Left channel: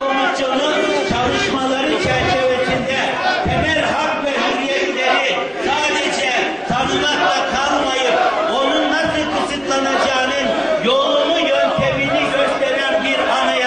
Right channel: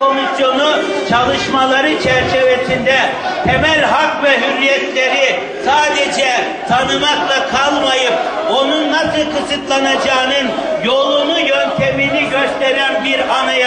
Komisyonu çalışmaları çerçevesinde temel hak ve hürriyetleri sadece tanımakla kalmayıp onun nasıl kısıtlanacağının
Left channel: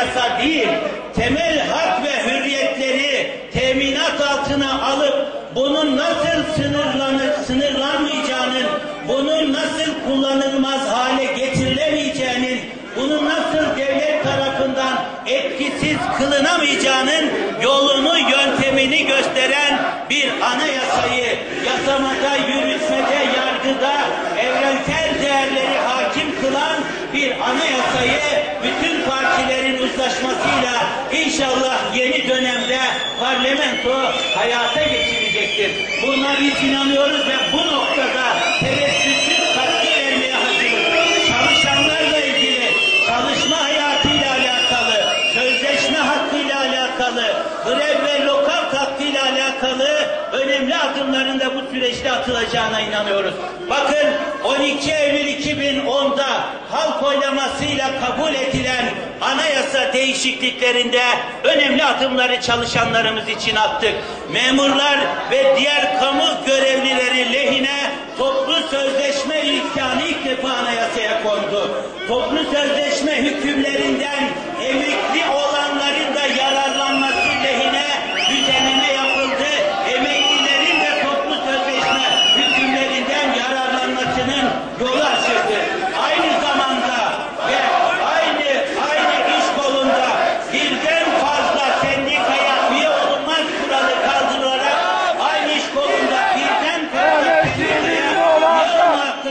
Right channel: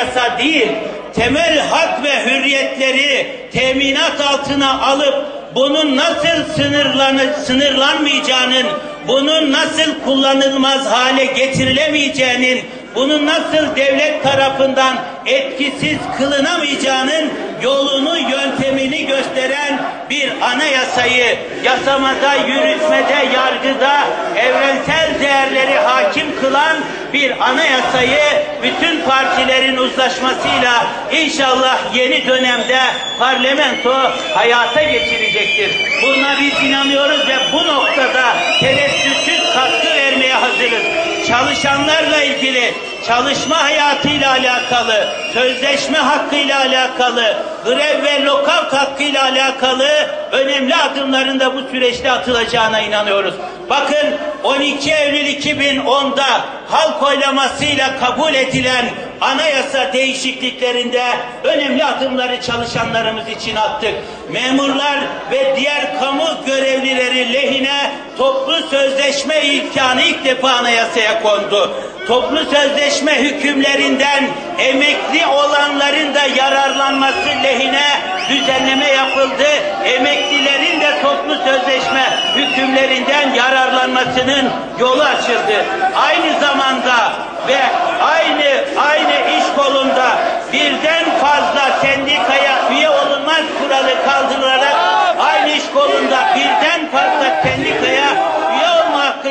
anayasa değil, temel hak ve hürriyetleri teminat altına alıp bunun nasıl sınırlanı, sınırlanmayacağının, bunun nasıl kullanılmaz hale getirilemeyeceğinin bunun nasıl devlet tarafından etkisiz kılınamayacağının yolunu, yöntemini gösteren bir anayasayı yasamada, yürütmede, yargıda evrensel değerleri bir anayasayı bütün partilerin uzlaşmasıyla inşallah yeni dönemde parlamento hayata geçirecektir. Buna biz inanıyoruz ve bu noktada çalışma hayatıyla alakalı, sözleşme hakkıyla alakalı, grev ve lokal hakkıyla alakalı önemli adımların da bu süreçte atılacağına inanıyoruz. Bakın 12 Eylül 2010'da halk oylamasıyla kabul edilen anayasa değişikliklerinde önemli adımları çalışanlarımız için attık. Memurlar ve diğer kamu görevlileri lehine toplu sözleşme imkanı ilk defa anayasaya kondu. Toplu sözleşme hükümlerinden emekli olanların da yararlanması lehine düzenleme yapıldı. Emeklilerin de toplu sözleşme hükümlerinden yararlanmasının yolu açıldı. Aynı zamanda ve aynı aynı iş kolunda birden fazla sendikaya üye olunmaz kuralı kaldırılarak aynı iş kolunda birden fazla sendikaya üye olma hakkı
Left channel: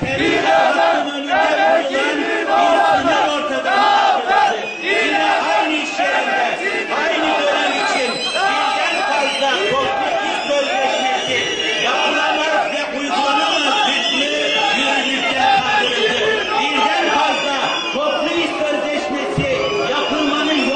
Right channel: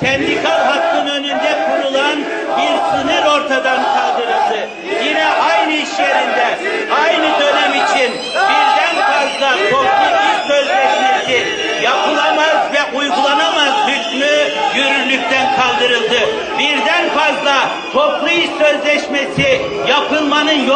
Sendika hakkın önünde kurulan bir sınır ortadan kaldırıldı. Yine aynı iş yerinde aynı dönem için birden fazla iş sözleşmesi yapılamaz ve uygulanamaz hükmü yürürlükten kaldırıldı. Birden fazla toplu iş sözleşmesi yapılmanın